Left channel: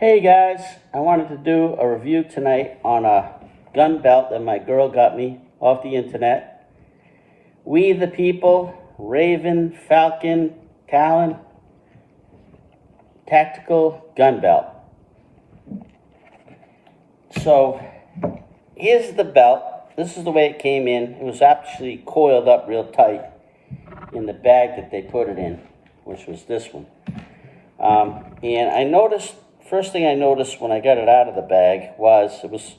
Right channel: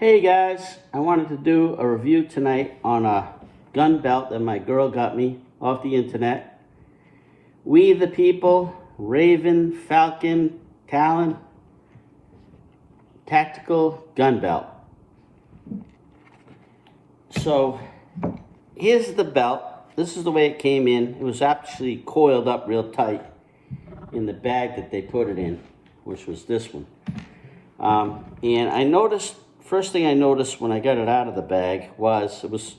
Hey guys, I wanted to do a review tonight on a gun belt that my girl got me off the internet. We the People Raven Falcon Talon Tactical Gun Belt. So here's the belt. This is the way it came in. It was actually coiled up real tight in the bag that they put it in, which was this one. And I noticed, first thing I noticed when I got it out of the bag was it was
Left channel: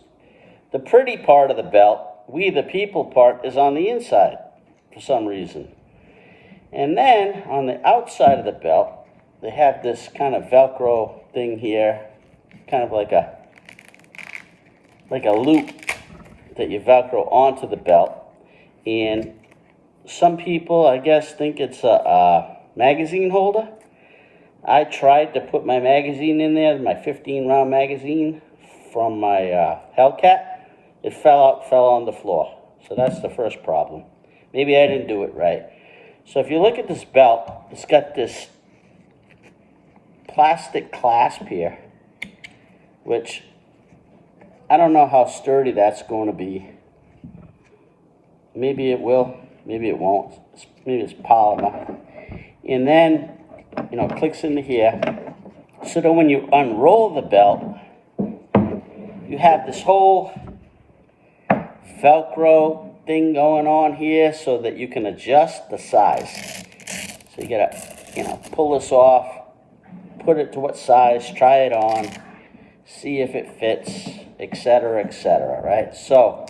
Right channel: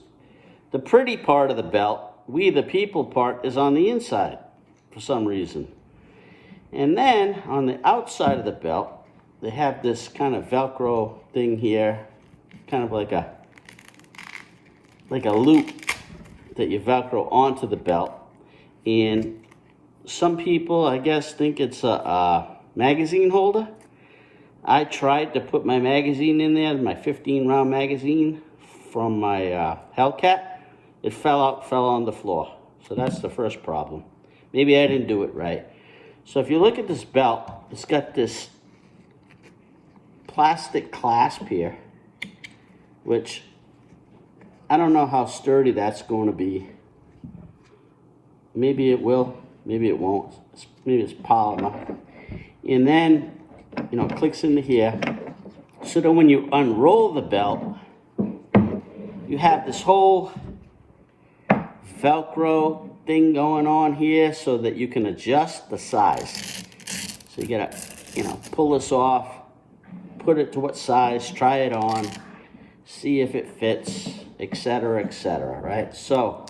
the pretty part of the belt, We the People part, is on the inside for some reason. And then on the outside of the belt, they have this kind of Velcro thing here, kind of like a loop that you Velcro onto the belt. And some people, I guess, think it's a magazine holder. I tried to put my magazine in there, my 15-round magazine from my Hellcat. It fell on the floor. So that's the first problem. Maybe I didn't do it right. So if you look at this belt, it's got this plastic clasp here, which I don't know how sturdy that's going to be. Maybe it will, maybe it won't. Maybe it's polymer. And then, it clicks into here. So that when you unroll the belt, you have this whole Velcro thing going on here so that you can adjust the size. So you gotta, pull this off, put it to what size, try it on, see if it fits, etc., right? So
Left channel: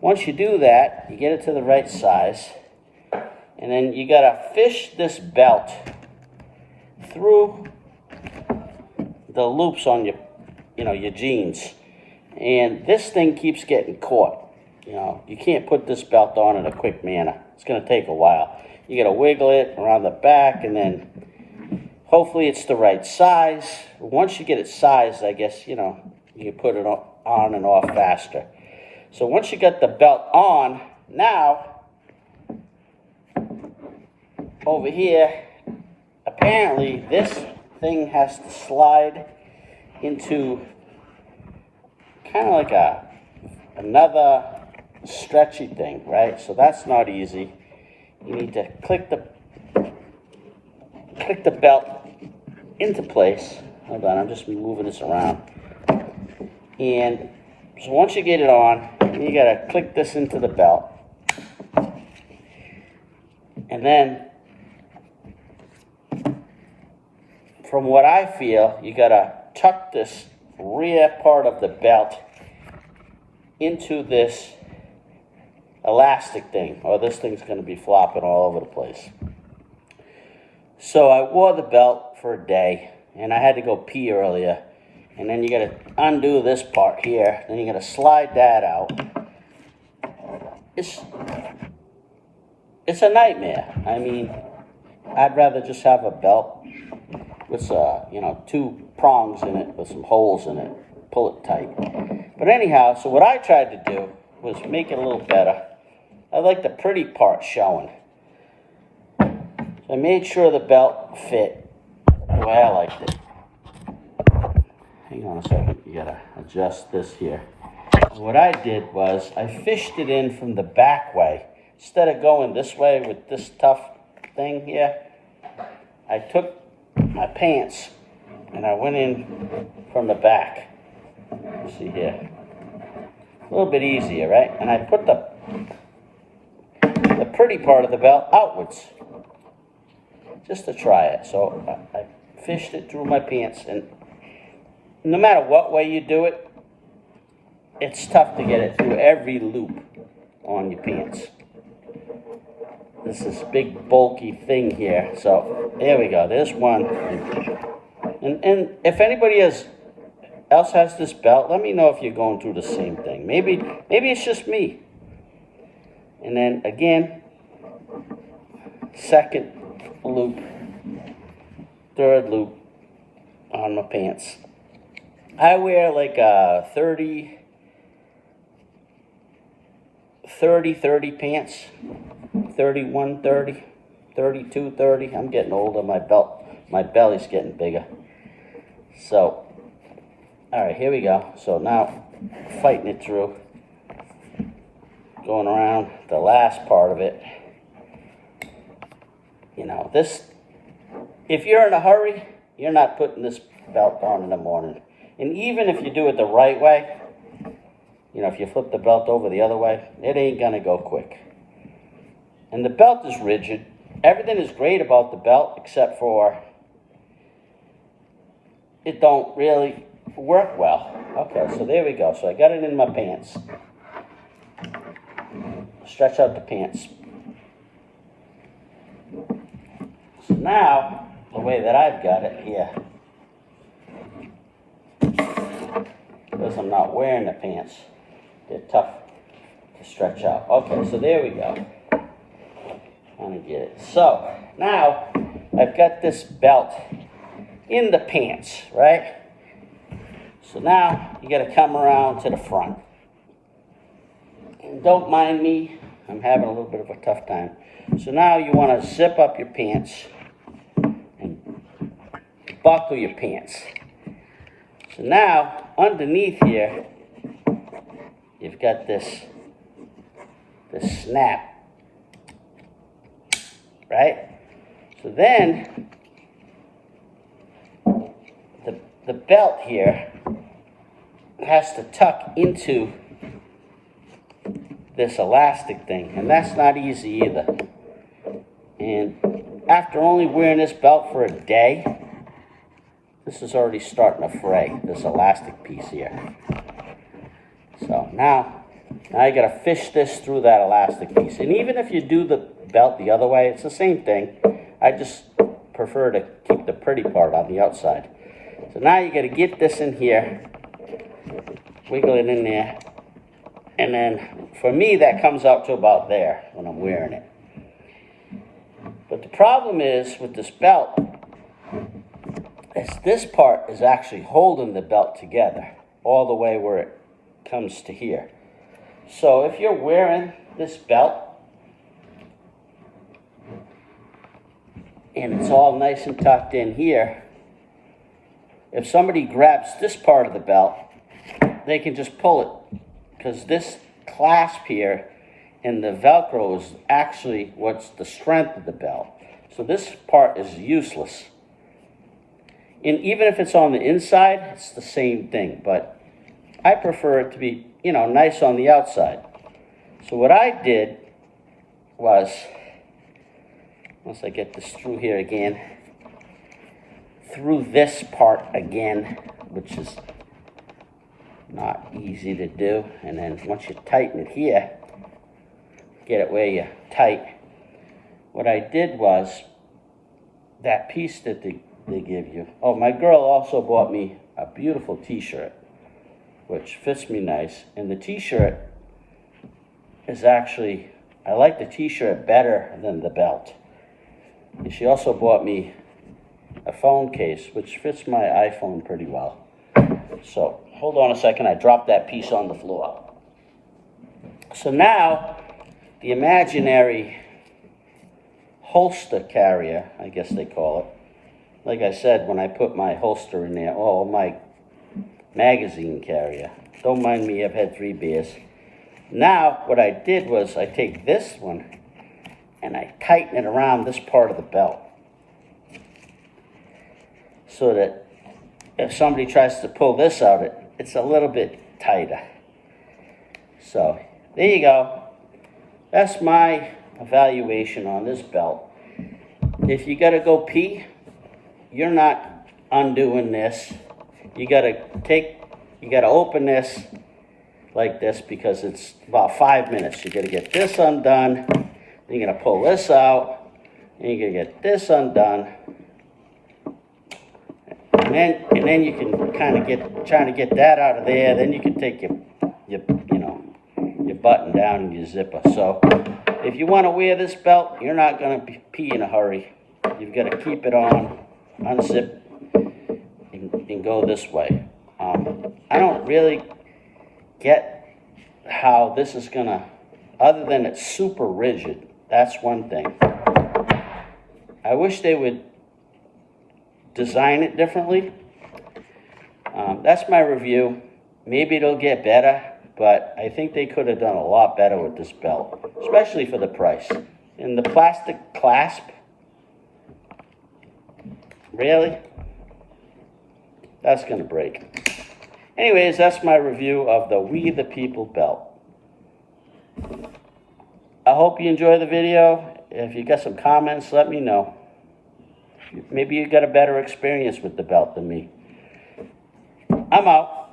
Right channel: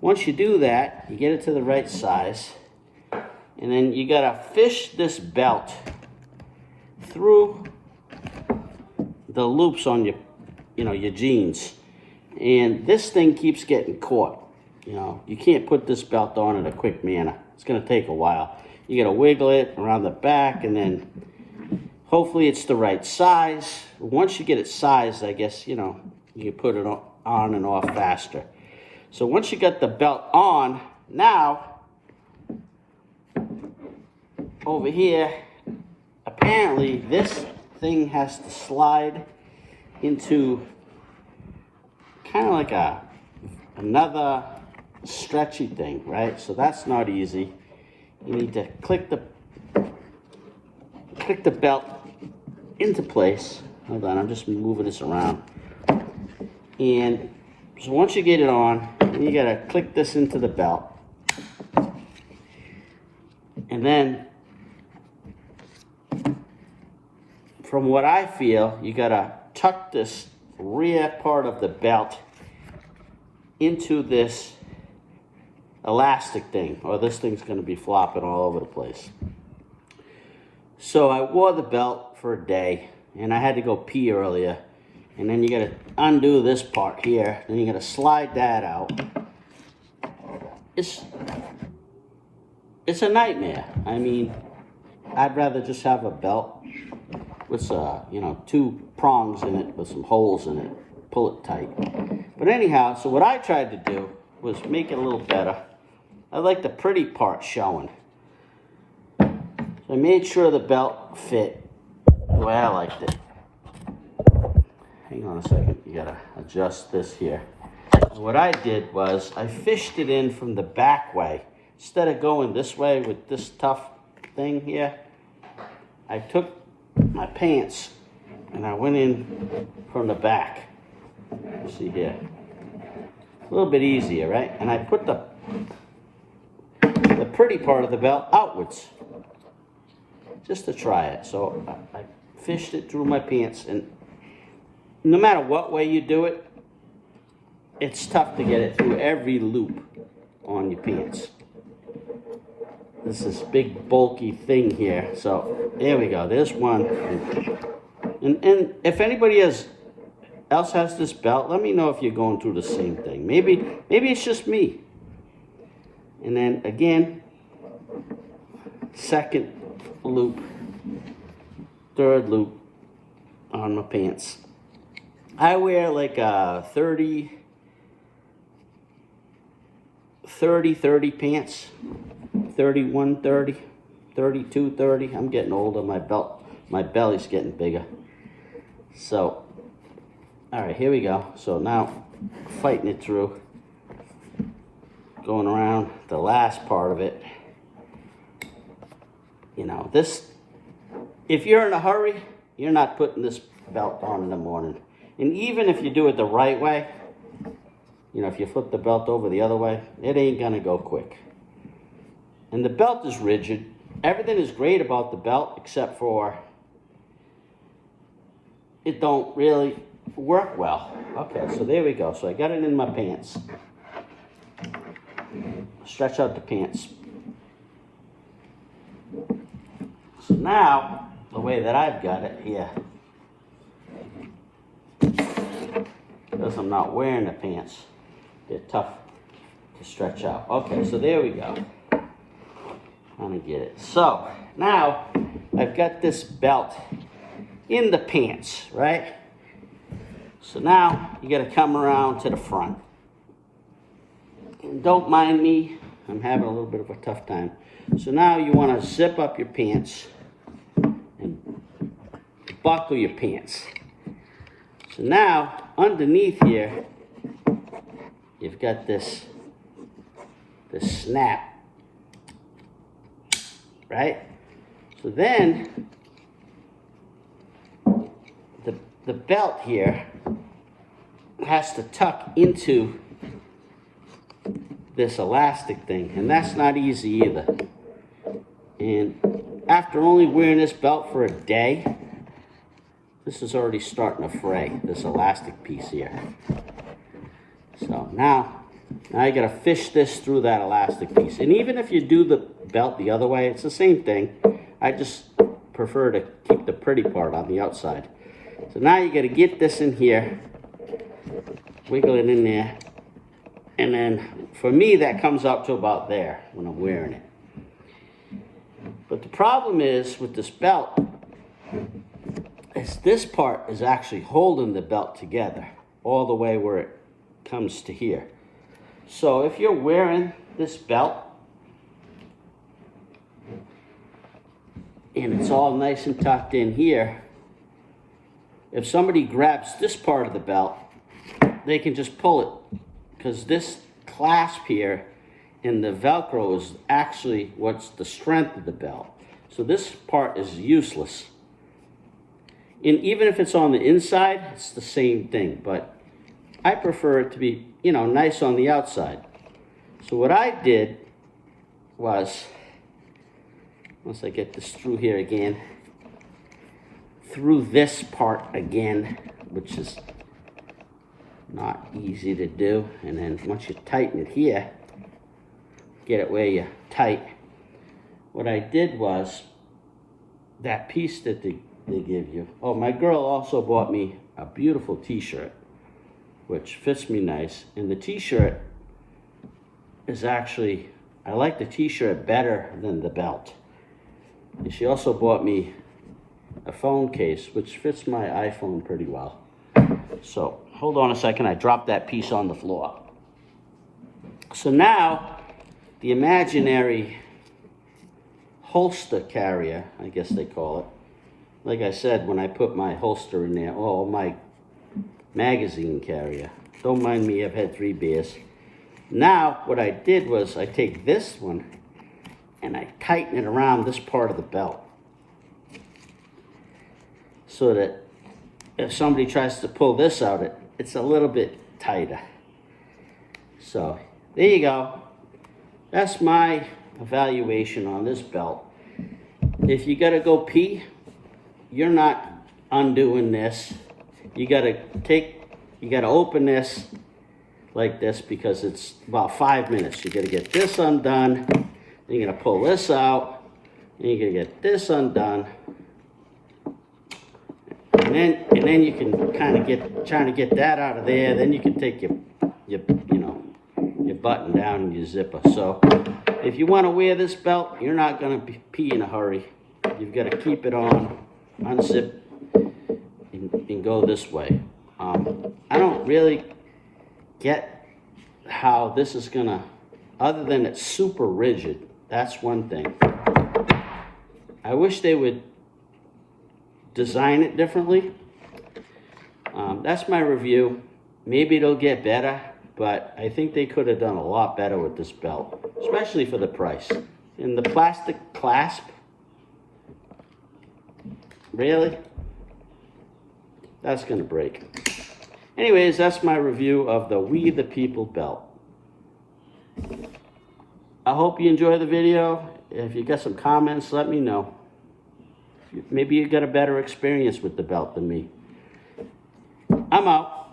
once you do that, you get it to the right size, and then you gotta fish this belt through the loops on your jeans. And this thing keeps getting caught. You can't put this belt on in a quick manner. It's gonna take a while. You gotta wiggle it around the back, and then hopefully it's the right size. Once you get it sized, I guess, you can put it on and off faster. So once you got the belt on, now, over here, apparently this thing has to slide into kind of like another stretchy thing, right? So that's not easy. You need to click the belt into place. Hold on, I'm just moving this around. And so once you get it on, you gotta click this into the belt. And then, from what I feel, you gotta tuck this rear part of the belt into this elastic thing, or this thing's gonna be flopping all over the place. So I wore the belt for a day, and I had to go pee earlier. And then you gotta undo this part here, then you gotta slide that out. It's a nightmare. I mean, I'd rather just have a belt with, 2 prongs in it with some holes in it. Pull it tight. But anyhow, so what I tried to do was make it a little better. I like the pretty part showing. So I made sure the belt fit the way I liked it. Hang on a second, you gotta adjust this here. What I did was I fished it in from the back way. Instead of going this way with this tough thing here, I took my pants and I went in from the back. See here. A little bit easier, right? And I put the pretty part of the belt outwards, just to try it. So I fished it through my pants, and no matter what way you do it, it's tough to get it through every loop on your pants. This is big bulky thing here. So there we go. There's one. And if anybody else has this belt, let me know if you're going through the same thing. Maybe it's just me. And then again, second loop, third loop on my pants. I wear like a 30 pants, 31, 30, 32, 30. I'm getting older. My belly's getting bigger. So, all right, here we go. So now, fighting it through, going around the last part of it. You know, this, if you're in a hurry, you're not putting this belt on in the morning. And even if you do it the right way, you know, if you flip the belt over the other way, it ain't gonna go quick. And the belt is rigid. Everything is great about the belt except for it don't really work well. Okay, so there we go. So I got it in my pants. Stretch out the pants. So now, the way that I've got it here, because I'm not wearing the pants, they're tough to stretch out. Okay, so there we go. Let me get it. So now I've got this belt in the pants, right? So now you got to come around to the front. And don't mind me, I'm having a little bit of a tough time. So now you want to zip up your pants and buckle your pants. So now underneath here, you've got this snap, right? So then the belt here has to tuck into this elastic thing, and that's not easy either. And after only wearing this belt for a day, this is already starting to fray, this elastic piece here. So now you gotta fish this through that elastic piece. And even if you do the belt the other way, it's the same thing. I just prefer to keep the pretty part on the outside. So now you gotta get this in here, wiggle it in there, and then for me that comes out to about there when I'm wearing it. But the problem is with this belt is this part is actually holding the belt together all the way where it comes to here. So if you're wearing this belt and it's all nice and tucked in here, if somebody grabs this part of the belt, they can just pull it, because this clasp here and the Velcro is actually what's the strength of the belt. So this part is useless. And even if it's on the inside, it's the same thing, but I prefer it to be, you know, nice on the outside. So what I did was, once I get this through here again, through this part again, which is not easy to do, and then once you tighten it here, get it where you're tight. What I did was, that piece that they give you, oh, my girl also bought me a beautiful t-shirt, which fits me nice, and the t-shirt is actually, I like the t-shirt better than the belt. And she also bought me a phone case, which fits my iPhone pretty well. So, hold on a second, I dropped that piece on the floor. So now, the imaginary holster carrier, I guess they call it. Like I said, when I put my holster in there, oh, my magazine carrier. Don't mind me, I've had 3 beers. Now, what I did was I take this one and I tighten it around this part of the belt, so that if somebody tries to pull this out, it's a little bit tighter. So, there you go. That's my evaluation on this belt. If you gotta go pee, you're not undoing this. You gotta open this like this, because it's about 5 minutes. You gotta get this undone, then you're gonna pull this out, and you're gonna get this undone. And then you can kind of trying to get that out of there. Then you can take your button down and your zipper. So if you want to wear this belt, you're not going to pee in a hurry. You've got to keep it on, unzip, and go this way. I don't really get how this is going to, other than it's super rigid. That's one thing. I wish they would design it differently. That's my review. Maybe it'll get better, but I think they could have done a lot better with this belt, especially for the price. And the plastic clasp, really? That's gonna break. Anyways, that's my review of the We the People belt. I hope you enjoy the video. If you got some comments, let me know. Maybe you got a better experience with the belt than me. I'm out.